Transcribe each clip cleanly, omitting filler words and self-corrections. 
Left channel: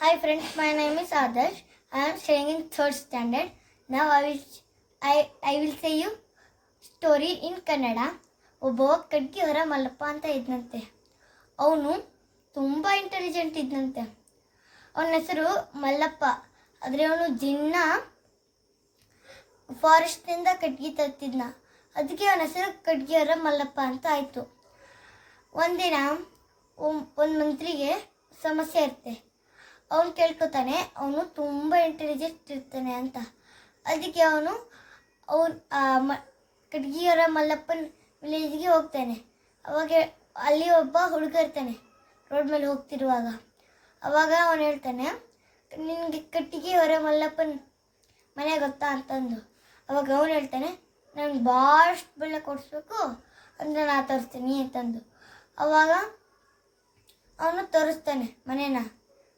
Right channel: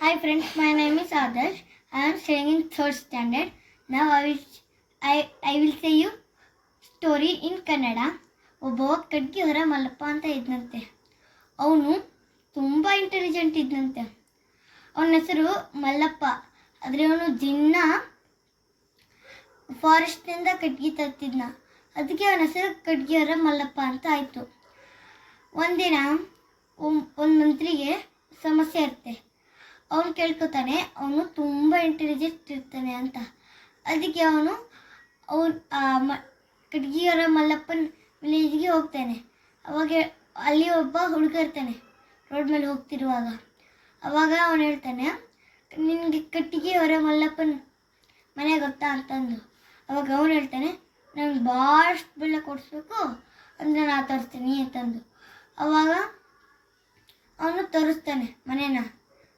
Hi friends, my name is Adarsh. I am studying in 3rd standard. Now I will say you story in Kannada. ಒಬ್ಬ ಕಡ್ಗಿಯವರ ಮಲ್ಲಪ್ಪ ಅಂತ ಇದ್ನಂತೆ. ಅವನು ತುಂಬ intelligent ಇದ್ನಂತೆ. ಅವನ ಹೆಸರು ಮಲ್ಲಪ್ಪ. ಆದರೆ ಅವನು ದಿನ ಫಾರೆಸ್ಟ್ನಿಂದ ಕಡ್ಗಿ ತರ್ತಿದ್ನ. ಅದಕ್ಕೆ ಅವನ ಹೆಸರು ಕಡ್ಗಿಯವರ ಮಲ್ಲಪ್ಪ ಅಂತ ಆಯಿತು. ಒಂದಿನ ಒಂದು ಮಂತ್ರಿಗೆ ಸಮಸ್ಯೆ ಇರುತ್ತೆ. ಅವನು ಕೇಳ್ಕೊತಾನೆ, ಅವನು ತುಂಬ ಇಂಟೆಲಿಜೆಂಟ್ ಇರ್ತಾನೆ ಅಂತ. ಅದಕ್ಕೆ ಅವನು ಕಡ್ಗಿಯವರ ಮಲ್ಲಪ್ಪನ ವಿಲೇಜ್ಗೆ ಹೋಗ್ತಾನೆ. ಅವಾಗ ಅಲ್ಲಿ ಒಬ್ಬ ಹುಡುಗ ಇರ್ತಾನೆ ರೋಡ್ ಮೇಲೆ ಹೋಗ್ತಿರುವಾಗ. ಅವಾಗ ಅವನು ಹೇಳ್ತಾನೆ, ನಿನಗೆ ಕಟ್ಟಿಗೆಯವರ ಮಲ್ಲಪ್ಪನ ಮನೆ ಗೊತ್ತಾ ಅಂತಂದು. ಅವಾಗ ಅವನು ಹೇಳ್ತಾನೆ, ನಂಗೆ ಭಾಳಷ್ಟು ಬೆಲ್ಲ ಕೊಡಿಸ್ಬೇಕು ಅಂದರೆ ನಾ ತೋರಿಸ್ತೀನಿ ಅಂತಂದು. ಅವಾಗ ಅವನು ತೋರಿಸ್ತಾನೆ ಮನೇನ.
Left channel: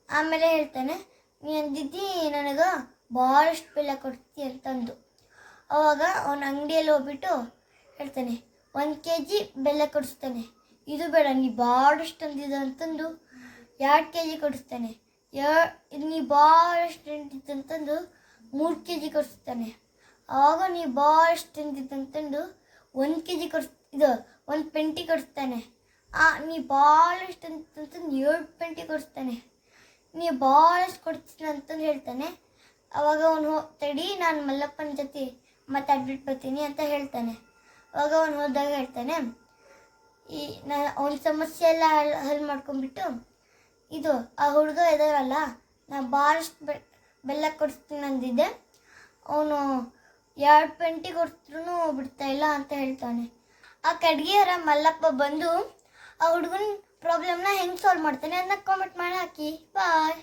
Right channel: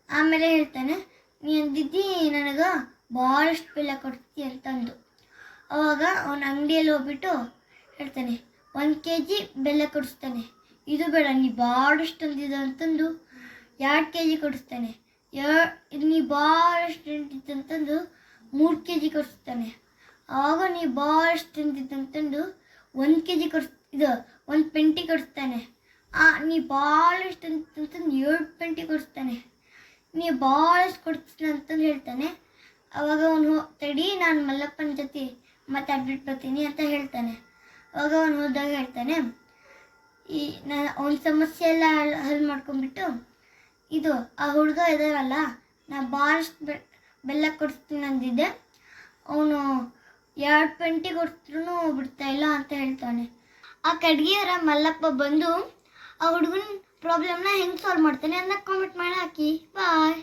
ಆಮೇಲೆ ಹೇಳ್ತಾನೆ, ನೀ ಅಂದಿದ್ದಿ ನನಗೆ ಭಾಳಷ್ಟು ಬೆಲ್ಲ ಕೊಡ್ತೀವಿ ಅಂತಂದು. ಅವಾಗ ಅವನ ಅಂಗಡಿಯಲ್ಲಿ ಹೋಗ್ಬಿಟ್ಟು ಹೇಳ್ತಾನೆ, 1 kg ಬೆಲ್ಲ ಕೊಡಿಸ್ತಾನೆ. ಇದು ಬೇಡ, ನೀ ಭಾಳಷ್ಟು ಅಂದಿದ್ದು ಅಂತಂದು 2 kg ಕೊಡಿಸ್ತಾನೆ. ನೀ ಭಾಳಷ್ಟು ಅಂದಿದ್ದಂತಂದು 3 kg ಕೊಡಿಸ್ತಾನೆ. ಆವಾಗ ನೀ ಭಾಳಷ್ಟು ಅಂದಿದ್ದಂತಂದು 1 kg ಇದು 1 ಪೆಂಟಿ ಕೊಡಿಸ್ತಾನೆ. ನೀ ಭಾಳಷ್ಟು ಅಂತಂದು 7 ಪೆಂಟಿ ಕೊಡಿಸ್ತಾನೆ. ನೀ ಭಾಳಷ್ಟು ಕೊಡ್ತೀನಿ ಅಂತಂದು ಹೇಳ್ತಾನೆ. ಅವಾಗ ಅವನು ತಡಿ, ನಾನು ಮಲ್ಲಪ್ಪನ ಜೊತೆ ಮಾತಾಡ್ಬಿಟ್ಟು ಬರ್ತೀನಿ ಅಂತ ಹೇಳ್ತಾನೆ. ಅವಾಗ ಅವನು ಹೋದಾಗ ಹೇಳ್ತಾನೆ, ಅವನ ಸಮಸ್ಯೆ ಎಲ್ಲ ಹಲ್ ಮಾಡ್ಕೊಂಡ್ಬಿಟ್ಟು, ಇದು ಆ ಹುಡುಗ ಇದಾರಲ್ಲ, ನಾ ಭಾಳಷ್ಟು ಬೆಲ್ಲ ಕೊಡಿಸ್ತೀನಿ ಅಂದಿದ್ದೆ, ಅವನು 2 ಪೆಂಟಿ ಕೊಡ್ಸ್ರೂ ಬಿಡ್ತಾ ಇಲ್ಲ ಅಂತ ಹೇಳ್ತಾನೆ. ಆ ಕಡ್ಗಿಯವರ ಮಲ್ಲಪ್ಪ ಬಂದು ಆ ಹುಡುಗನ ಪ್ರಾಬ್ಲಮ್ನ ಹೆಂಗೆ ಸಾಲ್ವ್ ಮಾಡ್ತಾನೆ ಅಂತ ಕಾಮೆಂಟ್ ಮಾಡಿ ಹಾಕಿ. ಬಾಯ್.